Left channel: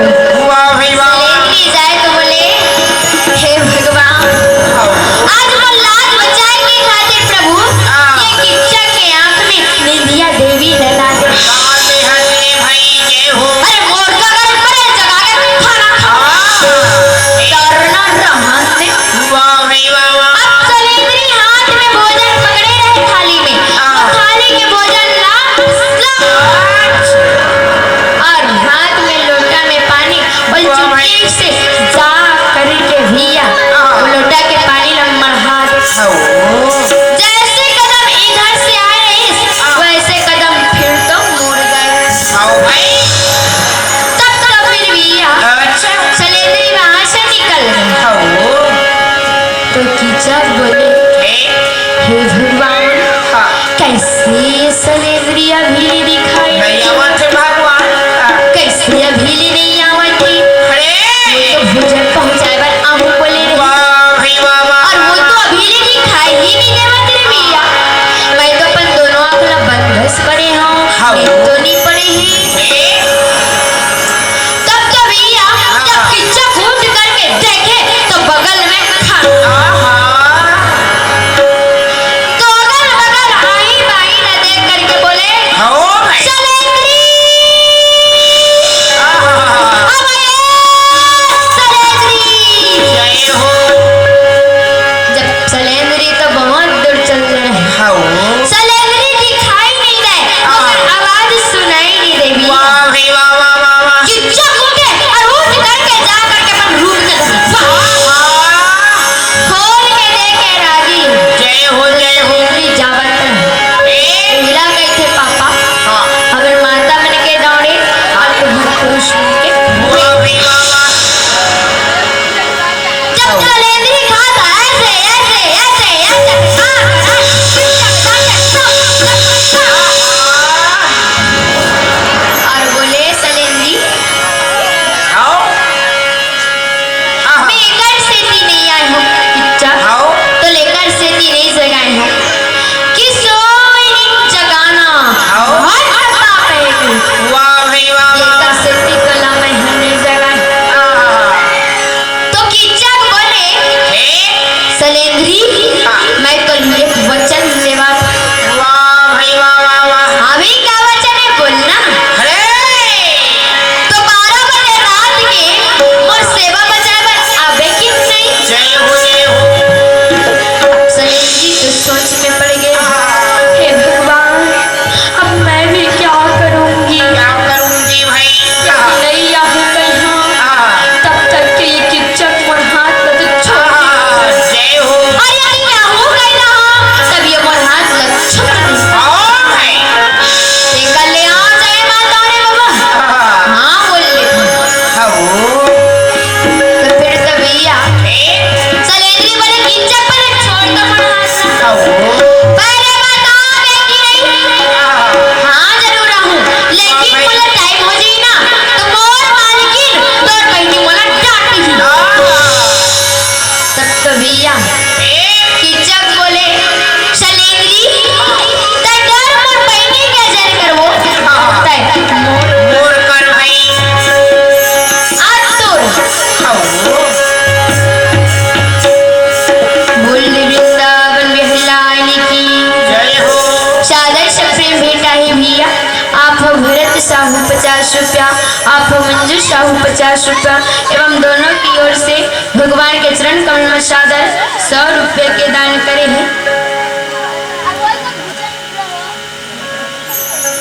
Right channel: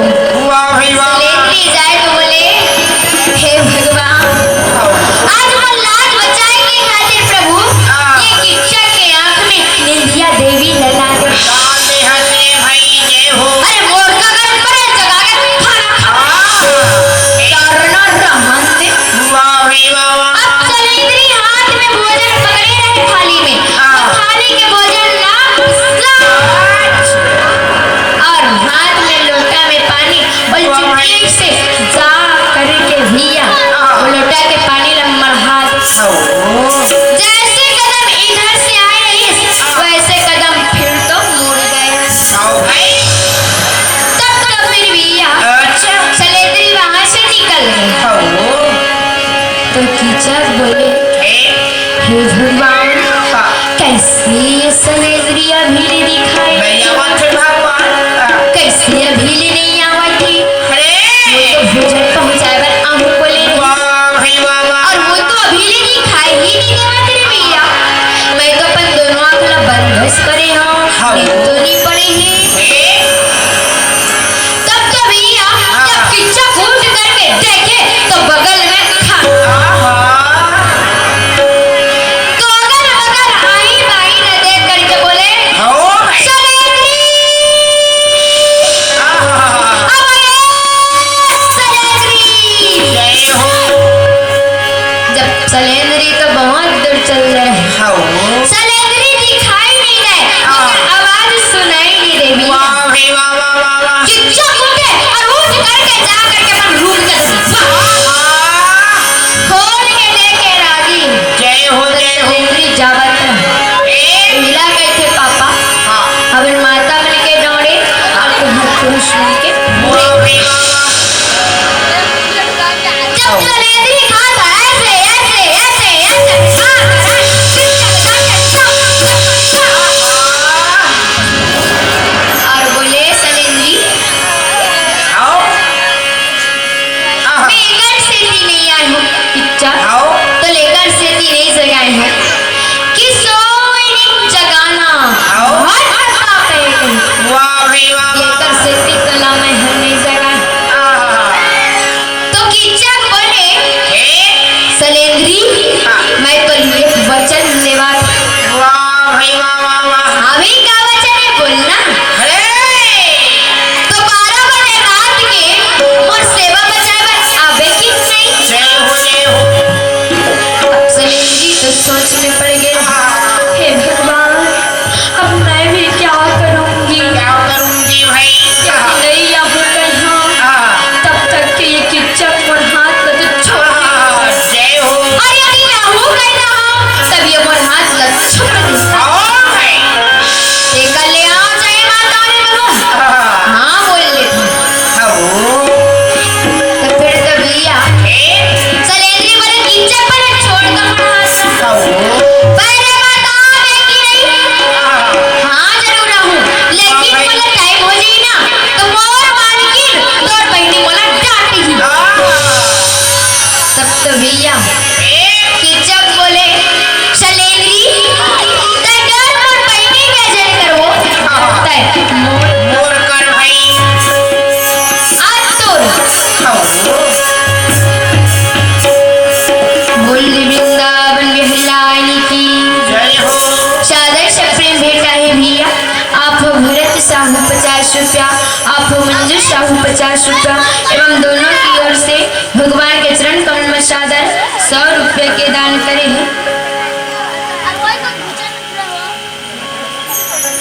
सलेंद्री जाए तो बोले हे भगवान आज वो लाज बचाए के खातिर प्रभु ये किच्चा के आंख में निंदिया देवी लगा दे। अरे मोर का घर पर जगा के खाना डरना रहते। अब सलेंद्री हाथ में भोजन पकड़े रहे थाली में और थाली के भोजन ला और हाथ में लोटा में पानी और चुटकी से जा करके भैया लोटा के पानी लम्बा हाथ जैसे कदम इधर से आए वैसे कदम फिर तो मुड़ गए। तब फिर भैया सलेंद्री वहां से निकल गए तो कीचक बोले हे भगवान कैसे सलेंद्री अभी दिखाई कैसे अभी नहीं आवती तो भोजन पहुंचाए बार आम बोले और वो तो अभी नहीं खाई ही नहीं देवत रे भैया। मैं तो अपन दोनों आंखला बंदस करे हूं तो नहीं पड़े हैं। तब तो भैया जब किच्चा घूम करके देखे तो बगल में था तो अगल बगल आई बाई न देख करके बोले सलेंद्री जब सलेंद्री तो बहुत दूर चल रहे सलेंद्री दिखाई नहीं दे और आवाज सुनाई नहीं दे किच्चा उठे और उठ करके जा करके अपन रूम के खोल के देखे राजी सलेंद्री जावत हिला गए थे पापा अगर माता बन के दौड़े और पुरुष बन के जब सलेंद्री खाता ऐसे ऐसे ऐसे ऐसे और बोले सलेंद्री मैं लेकर सेती नहीं आई हूँ किच्चा तो लेकर सेती नहीं जगाई हूँ कि सोई नहीं जगाना लेकर सेती तो ला मैं नहीं जगाई तो किच्चा बोले सलेंद्री मैं तो एक वचन लेवा हमें क्या वचन है बोलना तो 12 बजे रात के मोर सेवा बजावे आबे कि नहीं। सलेंद्री तो सोच में पड़ गए हे भगवान अब मैं भी क्या करूंगी भाई नहीं आबे कहीं तब तक के ये किच्चक मोर हाथ में तो छोड़ अरे क्या हो गया तब ये मोर हाथ लग छोड़ दी देखा ले आ जाए माता रे बाबा हाँ बोल ले तो फिर तो भैया सलेंद्री बोले किच्चक पर छोड़ दो मोर हाथ पहले माता मैं की नहीं हाँ जरूर हूँ लेकिन बोले टाइम हो जाए ना तो मोर मालकिन तोर बहनी बोला डांटी तब तो भैया किच्चक बोले सलेंद्री तय डर मोर बहनी के जन करवो तय मोर कर भाई आज तोर बोल वृंदावन बिहलानी की सादर से प्रेम भेटा है भैया आप भरत साहू 50 रुपया आप मंजू साहू 50 रुपया एवं दोनों की ओर से भगवान के चरण कमल में सादर 100 रुपये के दान